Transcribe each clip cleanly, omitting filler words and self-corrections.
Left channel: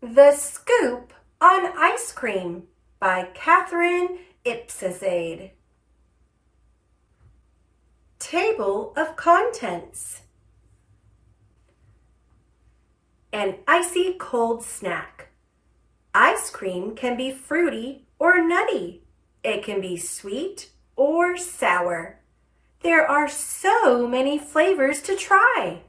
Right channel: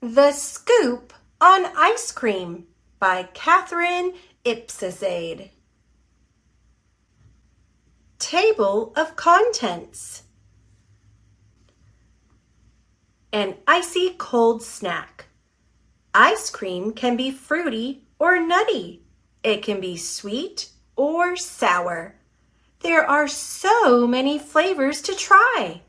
The Scoop on Ice Cream by Catherine Ipcizade. Table of Contents. An icy cold snack. Ice cream can be fruity or nutty. It can be sweet or sour. There are so many flavors to try.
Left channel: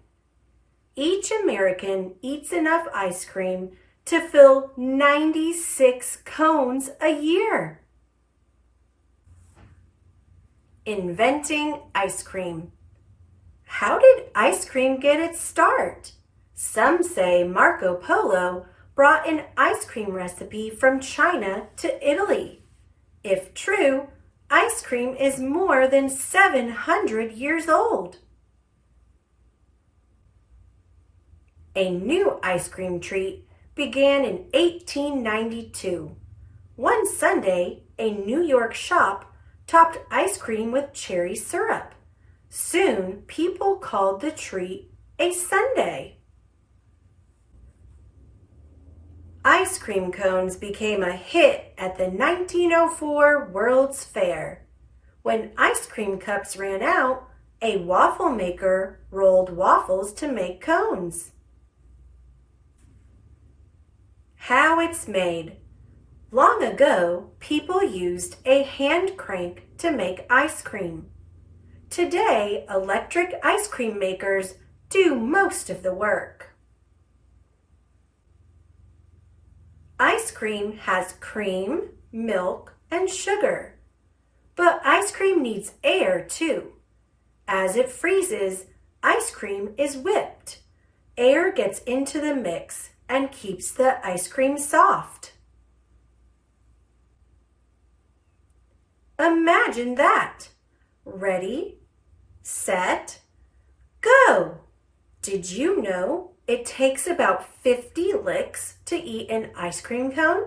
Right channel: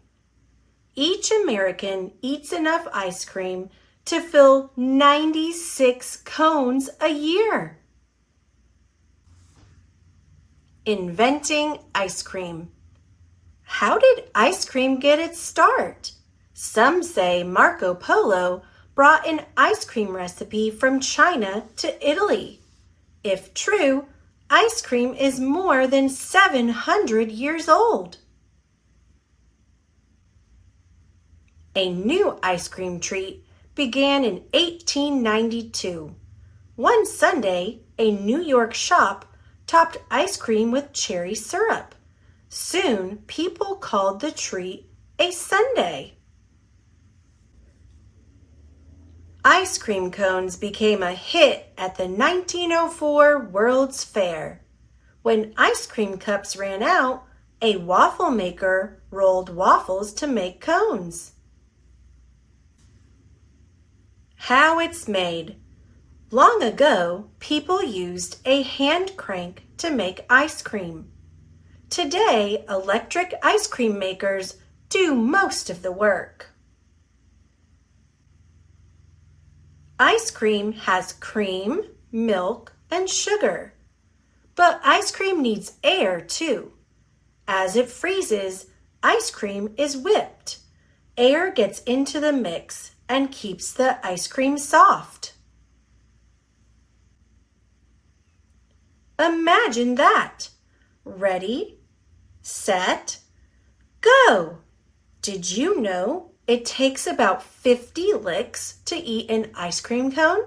Each American eats enough ice cream to fill 96 cones a year. Inventing ice cream. How did ice cream get its start? Some say Marco Polo brought an ice cream recipe from China to Italy. If true, ice cream is more than 700 years old. A new ice cream treat began in 1892. One Sunday, a New York shop topped ice cream with cherry syrup. Soon, people called the treat a sundae. Ice cream cones became a hit at the 1904 World's Fair. When ice cream cups ran out, a waffle maker rolled waffles to make cones. How it's made. Long ago, people used a hand crank to make ice cream. Today, electric ice cream makers do most of the work. Ice cream has cream, milk, and sugar. But ice cream needs air too. As it freezes, ice cream is whipped. Air gets into the mix and keeps the ice cream soft. Imagine that. Ready, set, go. Did you know it takes about 50 licks to eat an ice cream cone?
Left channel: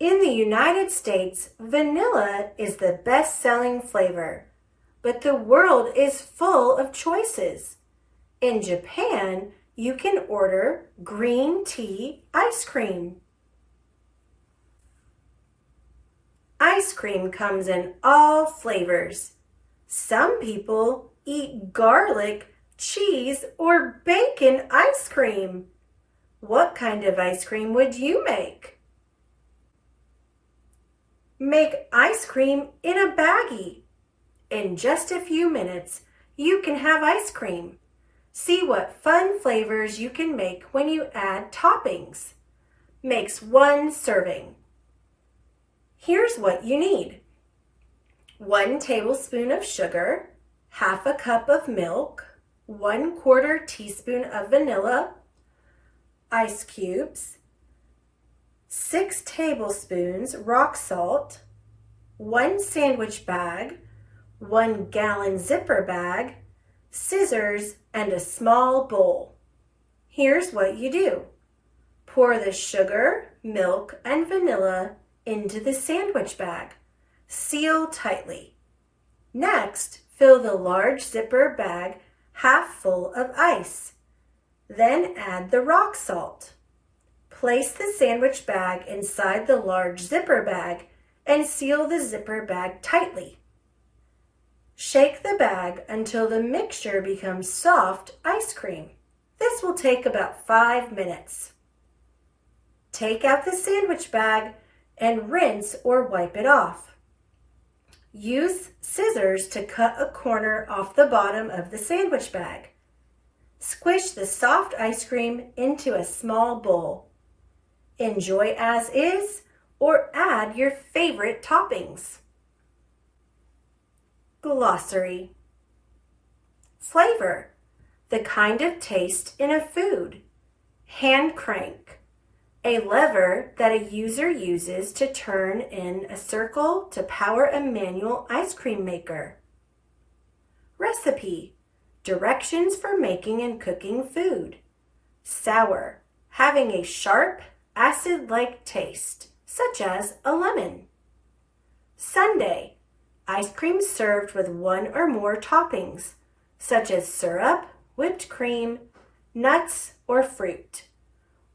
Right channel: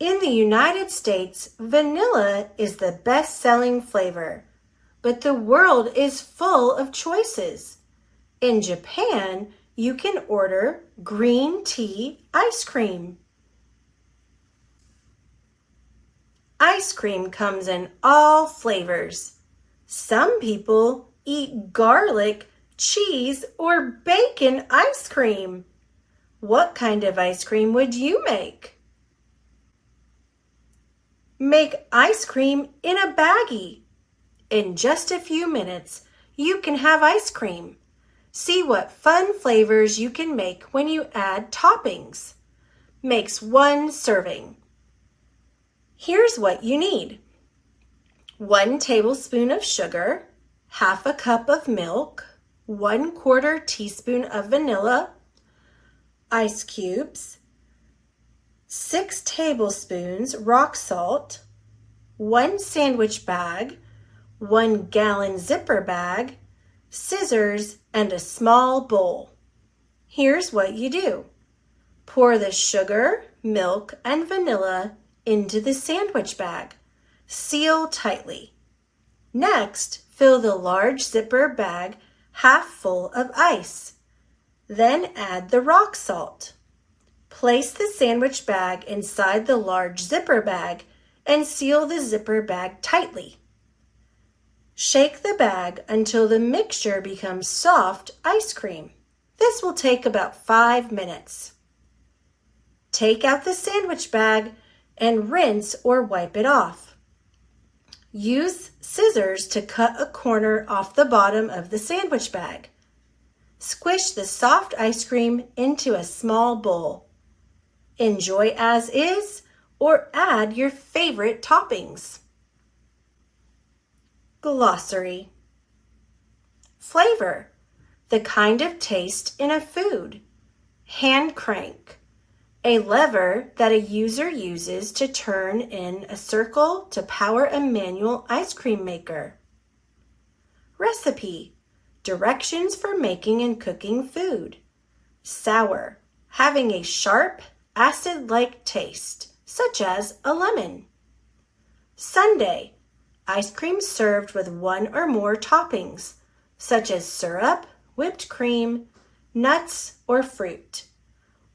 In the United States, vanilla is the best-selling flavor, but the world is full of choices. In Japan, you can order green tea ice cream. Ice cream comes in all flavors. Some people eat garlic, cheese, or bacon ice cream. What kind of ice cream would you make? Make ice cream in a baggie. In just a few minutes, you can have ice cream. See what fun flavors you can make when you add toppings. Makes one serving. Here's what you need. 1 tablespoon of sugar, half a cup of milk, 1/4 teaspoon of vanilla, ice cubes, 6 tablespoons rock salt, 1 sandwich bag, 1 gallon zipper bag, scissors, and a small bowl. Here's what you do. Pour the sugar, milk, and vanilla into the sandwich bag. Seal tightly. Next, fill the large zipper bag half full of ice. Then add the rock salt. Place the sandwich bag inside the large zipper bag and seal the zipper bag tightly. Shake the bag until the mixture becomes soft ice cream. This will take about 5 minutes. Take out the sandwich bag and rinse or wipe it off. Use scissors to cut a corner off the bottom of the sandwich bag. Squish the soft ice cream into a small bowl. Enjoy as is or add your favorite toppings. Glossary. Flavor. The kind of taste in a food. Hand crank. A lever that a user uses to turn in a circle to power a manual ice cream maker. Recipe. Directions for making and cooking food. Sour. Having a sharp, acid-like taste, such as a lemon. Sundae. Ice cream served with 1 or more toppings, such as syrup, whipped cream, nuts, or fruit.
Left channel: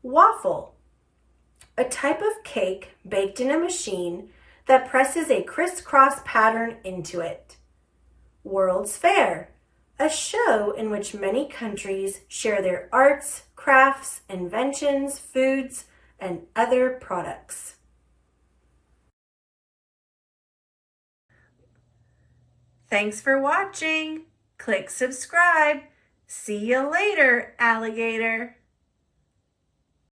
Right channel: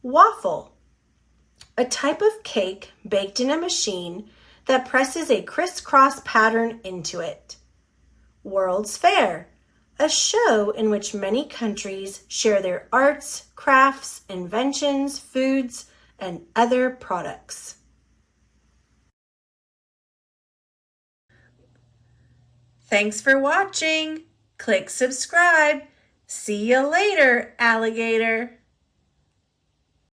Waffle, a type of cake baked in a machine that presses a crisscross pattern into it. World's Fair, a show in which many countries share their arts, crafts, inventions, foods, and other products. Thanks for watching. Click subscribe. See you later, alligator.